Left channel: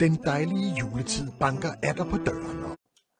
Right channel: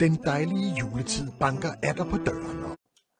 Den dejlige juletid banker atter på døren.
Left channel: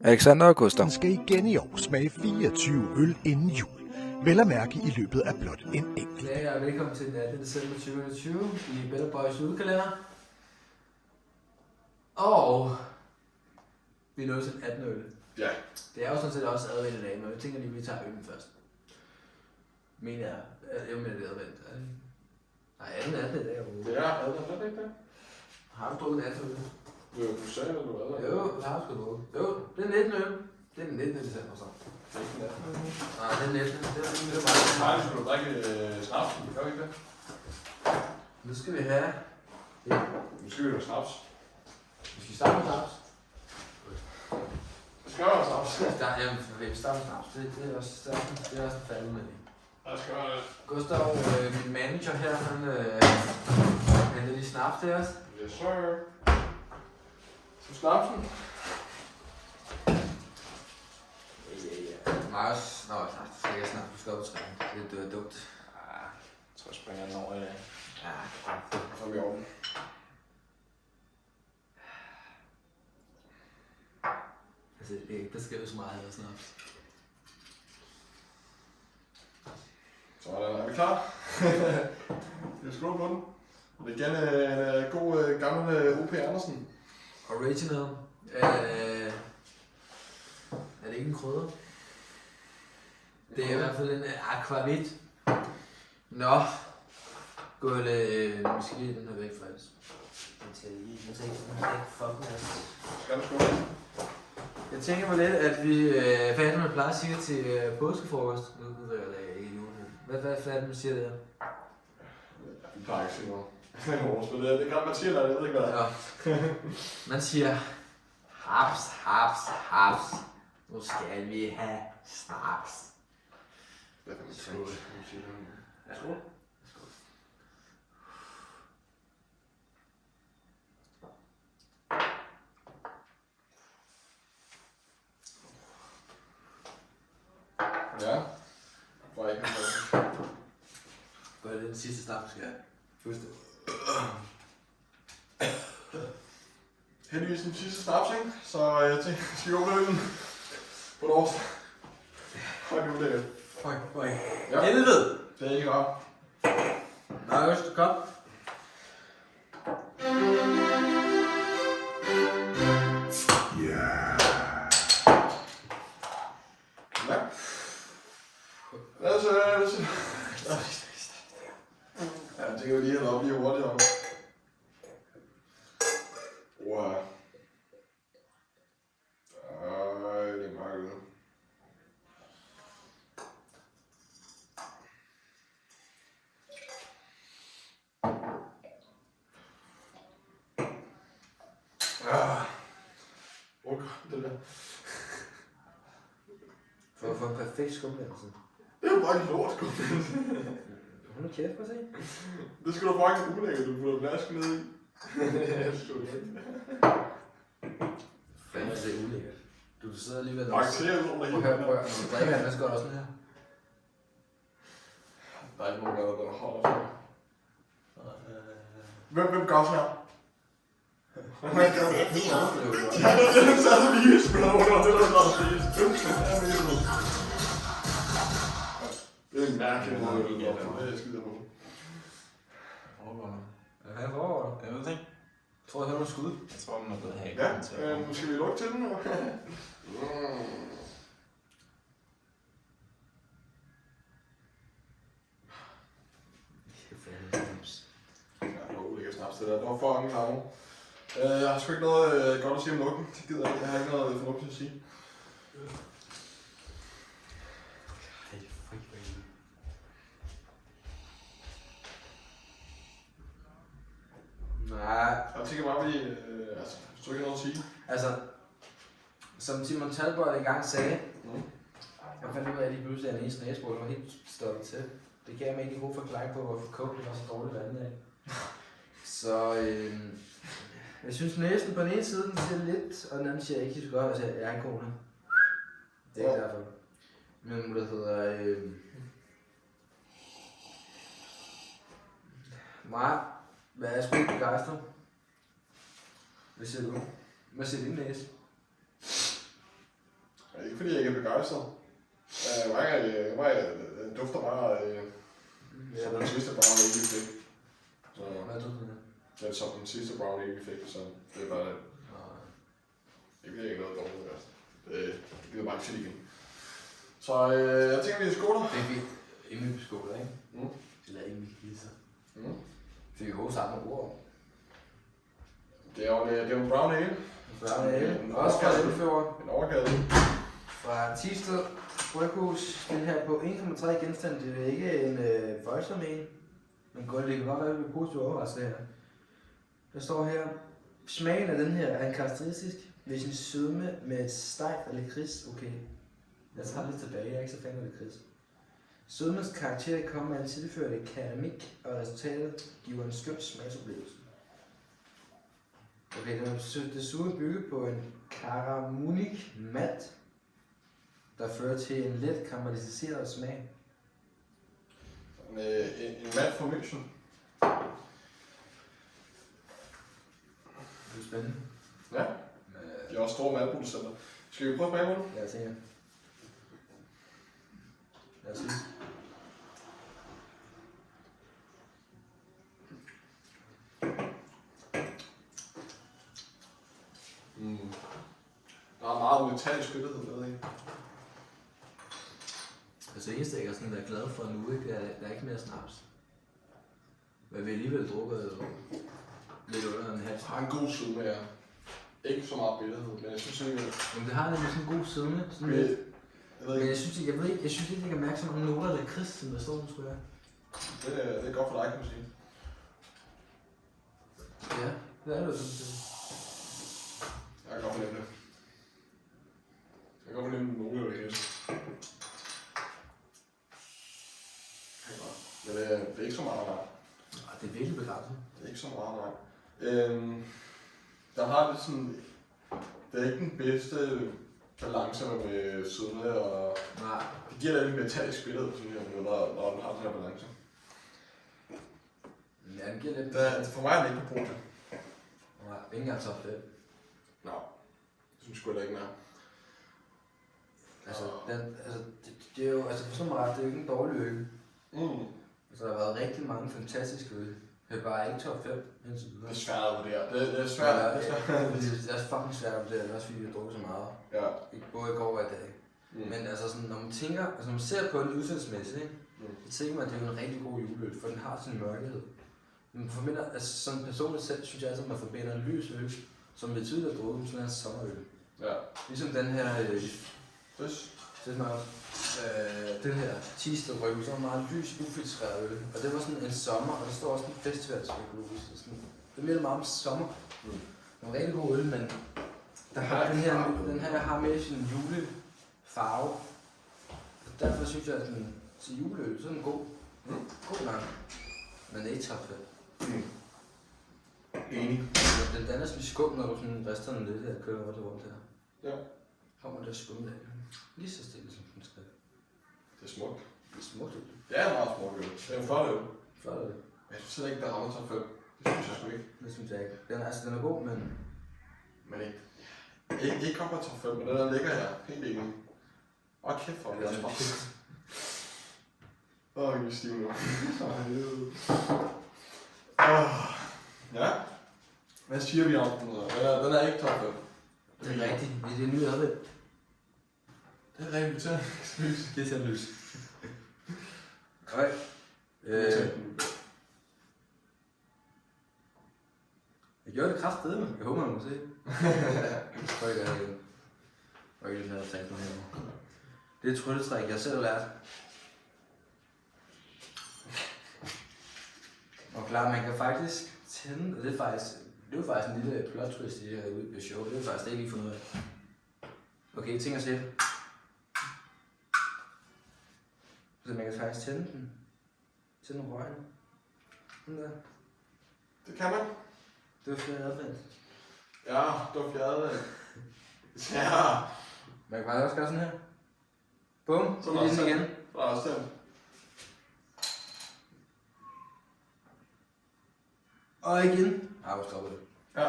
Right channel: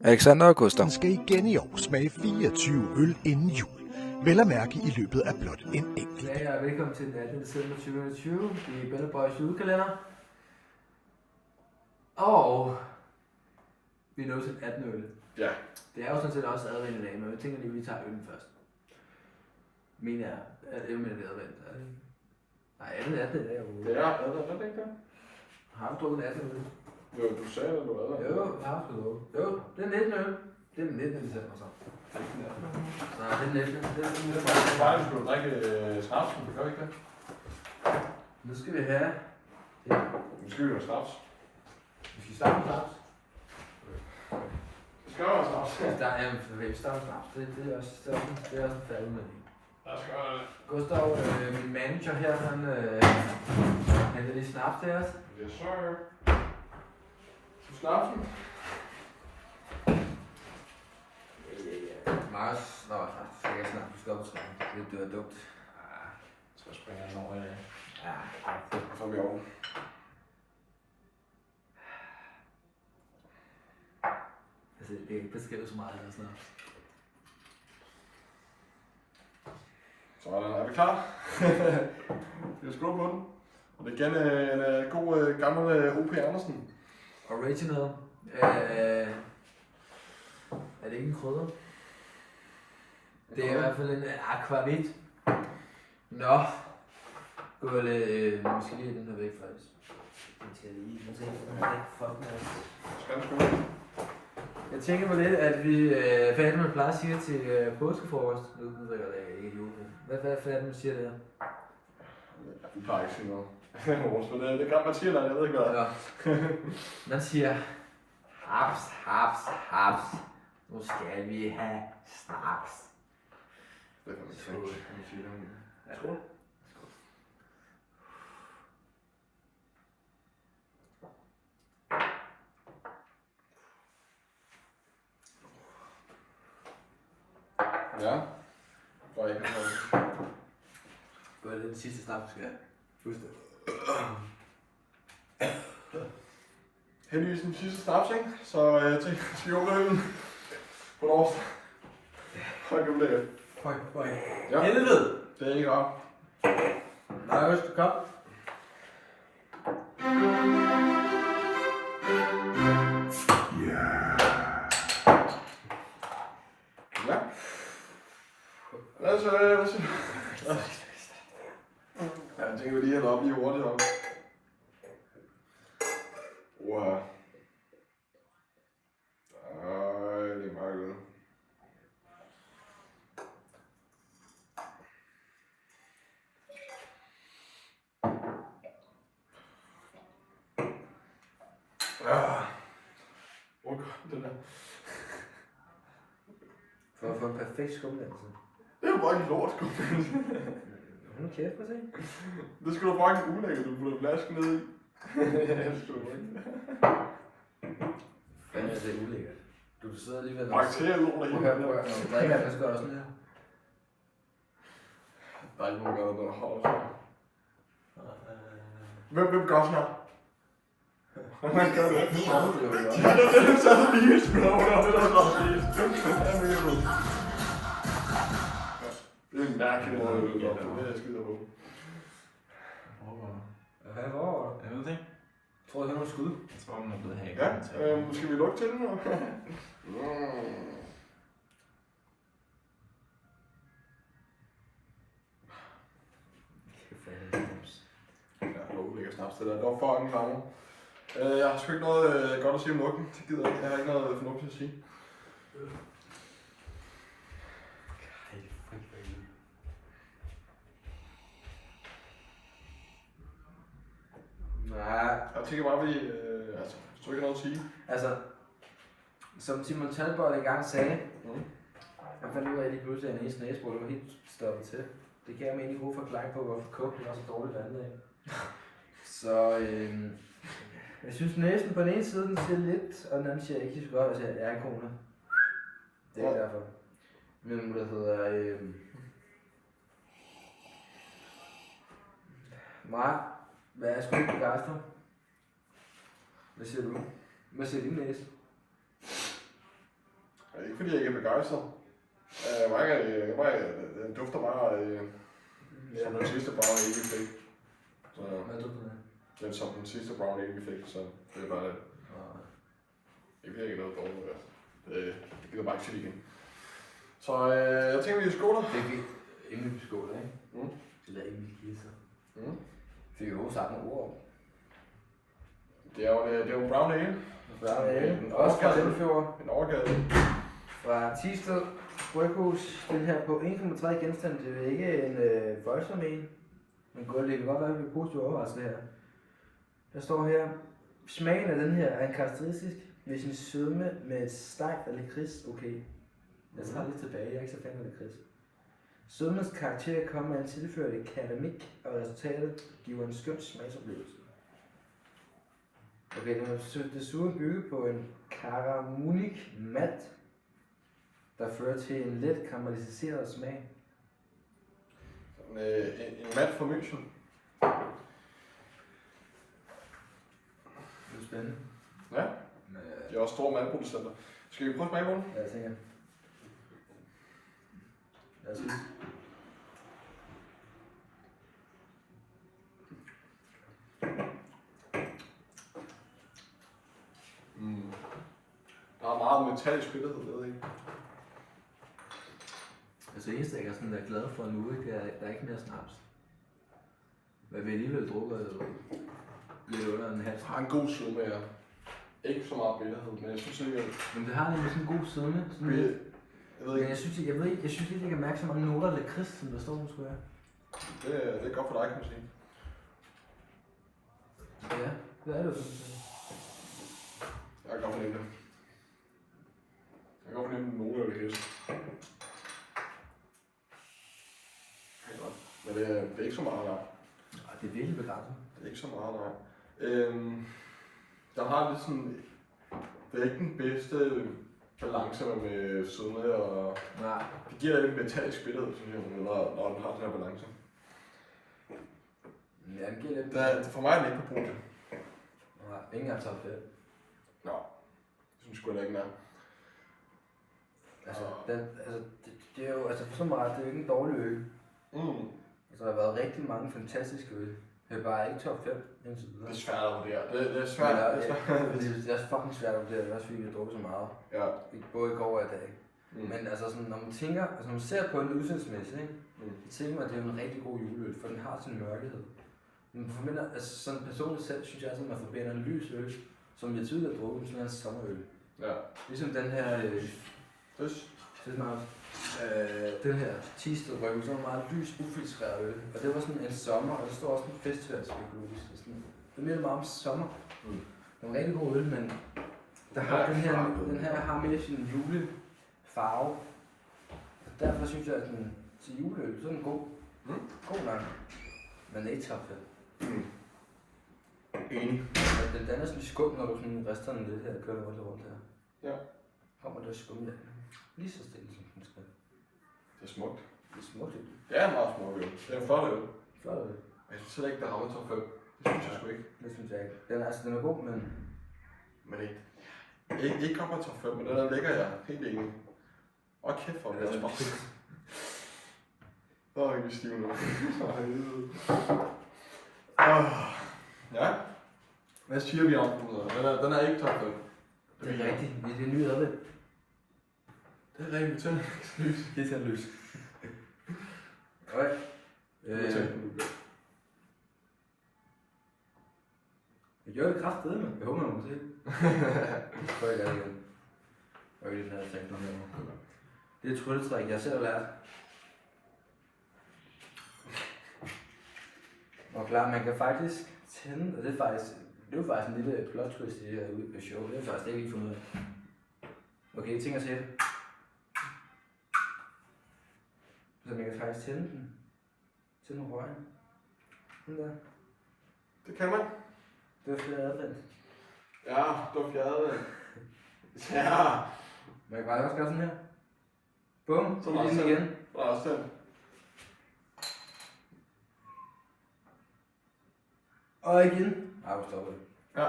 Alexander og Gustav. Man skal igen i år smage 24 øl inden jul. Vel at mærke i løbet af blot en enkelt. Ja, velkommen til den 18. december 2020 i Bella Boys julekalender. Og vi er nået til 18 øl. Ja. Det er jo sådan set også advendt i dag, men jeg tænker lige, at vi tager øllen først. Mener jeg. Jeg mener, det er advendt. Er det ikke? Nej, 18 i dag overhovedet. Det er det ikke det? Har du drukket 18 øl? Jo, du sagde, at du var der. Jo, jeg har sgu drukket. Jo, det er 19 øl. Det er den 19. december så. Nej, det er den 19. Det er den 19. Faktisk skulle du drikke snapsen, det gør vi ikke det? Nu skal vi have... Nu skal vi have snaps. Vi skal starte med snaps. Det skal være snaps. Vi starter med snaps. Det er også en faldet med det. Jeg skal være det. Gustav, min manager her, han henter lige snaps til os. Yes, sir. Så snapsen. Marius, nå, du skal ikke snakke, du skal op og træne. Det er dumt. Så springer den over i dag. Ja. Så er vi over. Altså, det er ikke beskrevet så meget af snaps. Sådan, er vi klar? Vi har skålet på den. Og det er igen en god gammel O.P. Andersen. Original. Er det ikke en krydder? Det er i hvert fald en aquavit. Nå. Gulde, vi skal lige have den her væk faktisk. Skal den skåle? Jeg tænker mig lidt, at vi, hvad er det, man plejer at sige til påskefrokost? Nu ved jeg, det er ikke jul. Hvad er det, man siger det her? Vi plejer ikke at sige noget. Det er godt, man siger noget, jeg ved ikke hvad. Ja. Man siger, haps, haps, haps. Nu skal vi have snaps. Det kan man sige. Ja. Skål. Ja. For ikke noget. Gør det den sidste snaps, skal jeg. Husk det. Heldigvis den sidste snaps, ikke? Så jeg tænker, at vi åbner øllen på lov. Hold nu lækkert. Høj. Ja. Helvede! Det er ikke rart. Marius, kom. Ja. Altså, jeg tænker, vi lige hælder op lige hurtigt op. Wow. Ej, det er meget godt. Det der. For at få en perfekt skumdannelse. Det er jo bare en lort, sgu. Hold kæft, prøv at se. Det skulle da fucking ulækkert, du putter flasken ned i. Det skulle du ikke. Fanden er det ulækkert. Du sidder alligevel og... Bakterier ud over det hele. Prøv at når du drikker den, så skal du også sådan her. Der er ikke nogen, der holder. Hvem gør sådan her? Det er helt anderledes. Så er det lige spiller under, det der er det. Det er en mærkelig måde, det er jeg skider på. Hvad foregår der? Jeg ved det ikke. Jeg tror, jeg hører noget skud. Jeg tror, den er blevet hacket. Ja, skal vi lukke til den nu? Ja, ulækker snaps det der. Det var fucking klar. Jeg har sgu ikke noget godt at sige om ryggen. Det gider jeg ikke. Jeg har ikke noget fornuftigt at sige. Nej, Jeg tænker bare, at vi... hvis du ikke har noget at sige. altså... Som Simon Talbot engang sagde, jeg fandt ud af, at de pludselig er en eneste næsebord, der var helt stoppet til. Det gav mig en god forklaring på, hvorfor coke er så dårligt vandet af. Så jeg synes næsten på den ene side, den siger lidt, og den anden siger ikke så godt, altså jeg er en kone. Det er ikke derfor. Min mutter hedder... Nej, hvad er sgu ikke begejstret? Hvad siger du? Hvad siger din næse? Det er ikke fordi, jeg ikke er begejstret. Den dufter bare som den sidste brownie, ikke fik. Så, Hvad dufter det? den som den sidste brownie, ikke fik, så det er bare det. Det bliver ikke noget dårligt. Altså. Det bliver bare ikke fedt igen. Så jeg tænker, vi skåler. Det er vi. Inden vi skåler, ikke? Mm. Eller inden vi kisser. Mm. Fik jeg også sagt nogle ord om. Det er jo en brown ale. Brown ale. Også fra Limfjord. En overgade. Fra Thisted Bryghus. Den her på 1,3 genstand. Det er ikke en voldsom en. Men det kan godt være, at vi bliver positivt overrasket her. Der står her. Smagen af den her er en karakteristisk ved sin sødme med et stejft af lakrids. Okay. Jeg tager lidt tilbage. Jeg er ikke så fan af lakrids. Sødmens karakter kommer af en tilført keramik, og resultatet giver en skøn smagsoplevelse. Okay, den er desuden bygget på en Karamunik malt, der fører til en let karamelliseret smag. En malt fra München. Det er spændende. Ja, de er også store maltproducenter. Skal vi prøve at smage på den? Ja, jeg tænker. Lad os se. Der er meget metallisk spillethed med, ikke? Altså det eneste, jeg er sådan der glad for nu, ikke, det er, der er ikke mere snaps. Men vi alligevel drukker lidt under en halv. Det har en god sødme, ja. Ikke så meget bitterhed, men jeg synes ikke, at... Men det har nemlig sådan en god sødme. Sådan lidt. Men jeg synes ikke, jeg kan mærke så mange noter af lakrids, som der står nu, tror jeg. Det er godt for dig, kan man sige. Ja, det er det sådan set. Jeg kan godt fornemme det. Jeg kan godt fornemme nogle af lakrids. Det er godt. Men det er ikke så meget, nej. Nej, det er virkelig begrænset. Det er ikke så meget, nej. Der har lidt sådan... Det er ikke den bedste balance med sødme, og Nej. det giver lidt metallisk spillet, synes jeg, når den har den her balance. Ja, den giver lidt... For mig er den ikke på podium. Nej, ikke engang top 5. Nå, det synes jeg sgu heller ikke, den er. Altså, det er jo, altså for så meget, det er jo ikke en dårlig øl. Altså, der har været rigtig mange fantastiske øl. Det er bare ikke top 5 indtil videre. Det er svært at vurdere. Det er svært. Det er fucking svært at vurdere, også fordi vi har drukket så meget. Ja. Både i går og i dag. Men altså, sådan, når man tænker, altså når man ser på den udsættelsesmæssigt, ikke? Så tænker man, at det er en rigtig god juleøl, for den har sin mørkhed. Men forbinder, altså sådan personligt selv, synes jeg altid, at man forbinder en lys øl, som vi tidligere drukket med sådan en sommerøl. Ja. Ligesom den her... Det smager også. Den her Thisted Bryghus, så var meget lys, ufiltreret øl. Og det var sådan en sommer, og der står også en festivalspøkologisk. Det minder meget om sommer. Det var en rigtig god øl, men der har den her har mere sin julefarve. Og derfor synes jeg, at den til juleøl, så er den god. God nok. Men ikke top 5. Enig. Den danner sådan skum, når du sådan rister den lidt her og kører rundt her. Ja. Kommer der skum af. Lige så stille som den skal. Det er smukt. Det er smukt. Det er en meget smuk øl. Det er en flot øl. Flot øl. Men jeg synes heller ikke, der rammer top 5. Det synes jeg sgu ikke. Det synes jeg ikke. Den er god, men... Men ikke op på top 5, men den er lækker, jeg. Helt enig. Og kæft for det også bare. Jeg er stiv nu. Ja. Hvad siger vi om den? Den er ikke top 5. Det er rigtigt. Det er ny advent. Det er rigtigt, tænd lys. Det er tændt lys. Okay. Jeg gjorde det kraftedeme, men jeg håber, man må se det. Prøv at gøre det igen. Og ikke den her tænkt på her. Det er et trylletræk, jeg selv har lært. Og klar, man kan faktisk tænde, og det er jo faktisk en lille plot twist i det her show. Det er faktisk det, jeg lige fundet ud af. Okay, ting at se det. Så man kan faktisk tænde den. Tænde røgen. Den der. Det kan man. Det var flere advent. Ja, det var fjerde. Ja. Man kan bare også gøre sådan her. Bum, så er den igen. Der er også tændt. Og igen. Ah, vi stopper det. Ja.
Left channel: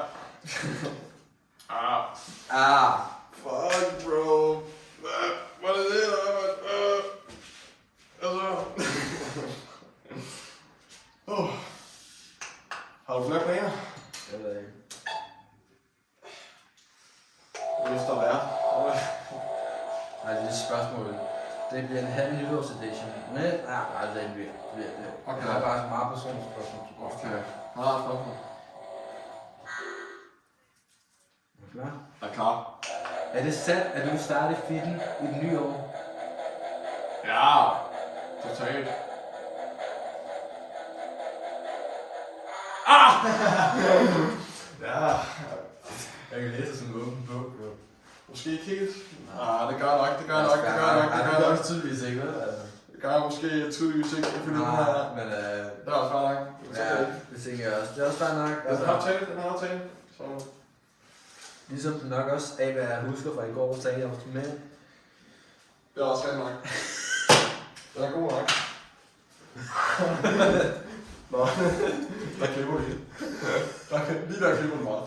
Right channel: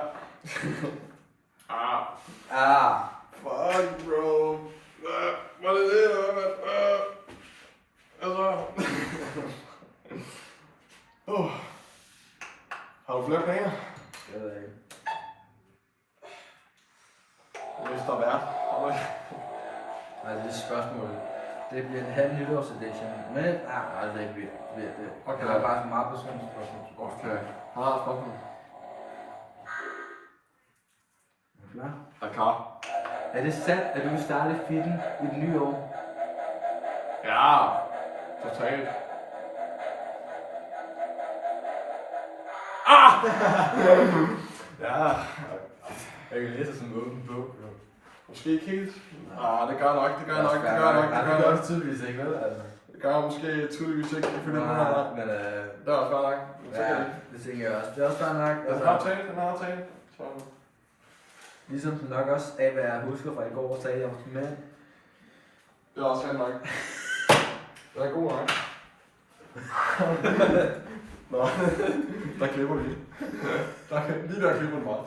Fuck, bro. Hvad er det, eller hvad, mand? Altså... Har du flere planer? Jeg ved ikke. Hvis der er værd. Nej, det er et spørgsmål. Det bliver en halv nytårsedition. Men, nej, det bliver det. Okay. Jeg har bare så meget personligt spørgsmål. Okay. Har du et spørgsmål? Er du klar? Er klar? Er det sandt, at du vil starte fitten i det nye år? Ja. Totalt. Ja. Jeg kan læse sådan en åben bog, bro. Måske ikke helt. Det gør nok. Det gør også tydeligvis ikke, vel? Altså. Det gør jeg måske tydeligvis ikke. Ifølge den her. Men Det er også fair nok. ja, det tænker jeg også. Det er også fair nok. Den har aftale. Så... Ligesom den nok også af, hvad jeg husker fra i går, sagde jeg også med. Det er også rent nok. Den er god nok. Nå, der klipper vi. Lige der klipper den meget.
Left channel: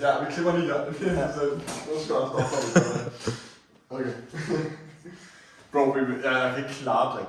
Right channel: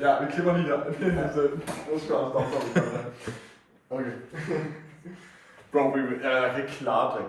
Ja, vi klipper lige der. Nu skal jeg stoppe. Okay. Bro, jeg kan ikke klare det.